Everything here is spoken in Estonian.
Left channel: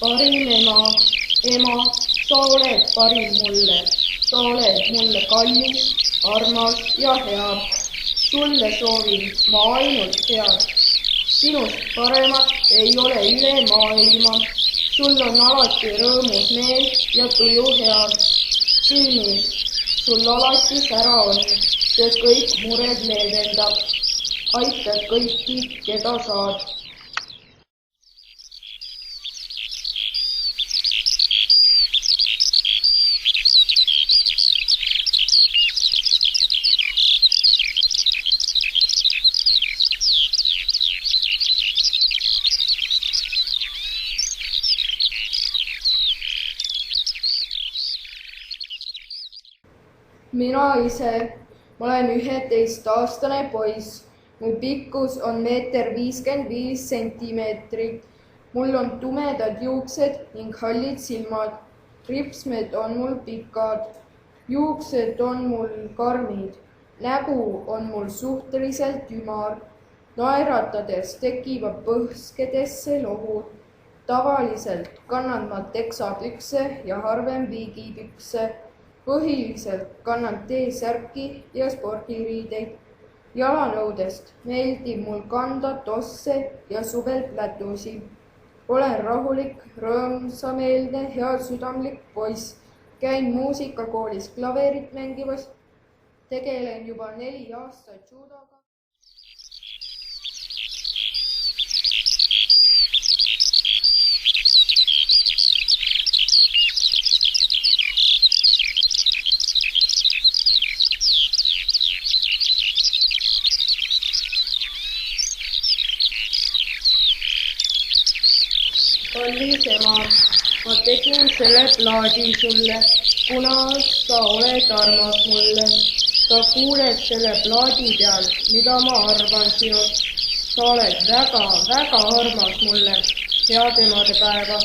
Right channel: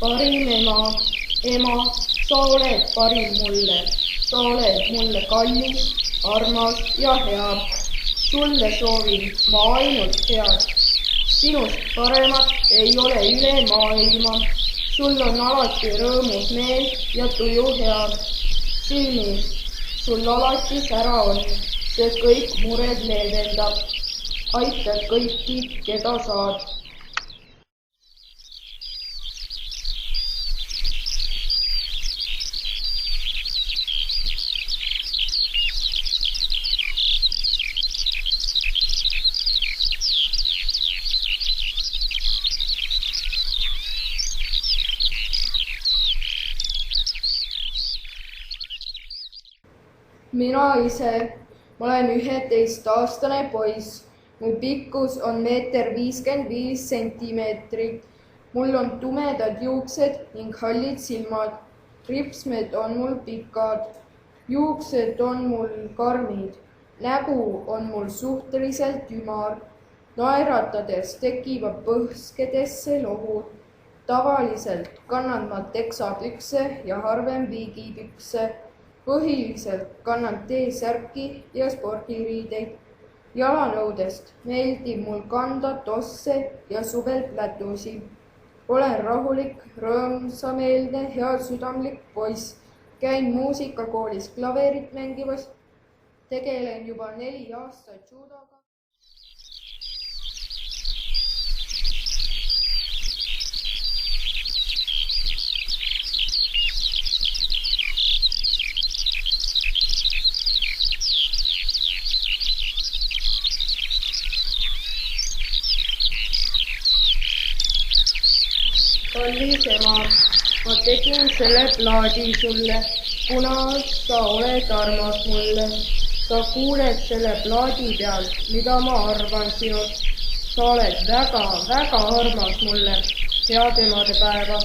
parim ema, sa oled parim mulle, sa oled mulle kallis, armas ja hea. Sulle soovin ma ainult head. Sinust paremat ei ole üle maailma. Sul on alati rõõmus meel ja tuju hea. Silmis sul alati sära on, see kõik mured leevendab. Aitad kõiki, keda saad. Mina ise olen 11-aastane poiss. Mu pikkus on 1,55 meetrit. Mul on tumedad juuksed ning hallid silmad. Ripsmed on mul pikad. Juuksed on mul karmid. Nägu on mul suhteliselt ümar. Naeratades tekivad põhskedesse lohud. Tavaliselt kannan ma teksapükse ja harvem viigipükse. Põhiliselt kannan T-särki ja spordiriideid. Jalanõudest meeldib mul kanda tosse ja suvel plätusi. Olen rahulik, rõõmsameelne, heasüdamlik poiss. Käin muusikakoolis klaverit mängimas. Tegelen juba 4 aastat judoga. Kallis ema, ma tegin selle plaadi sulle, kuna sa oled armas mulle. Sa kuuled selle plaadi peal, mida ma arvan sinust. Sa oled väga, väga armas mulle. Head emadepäeva!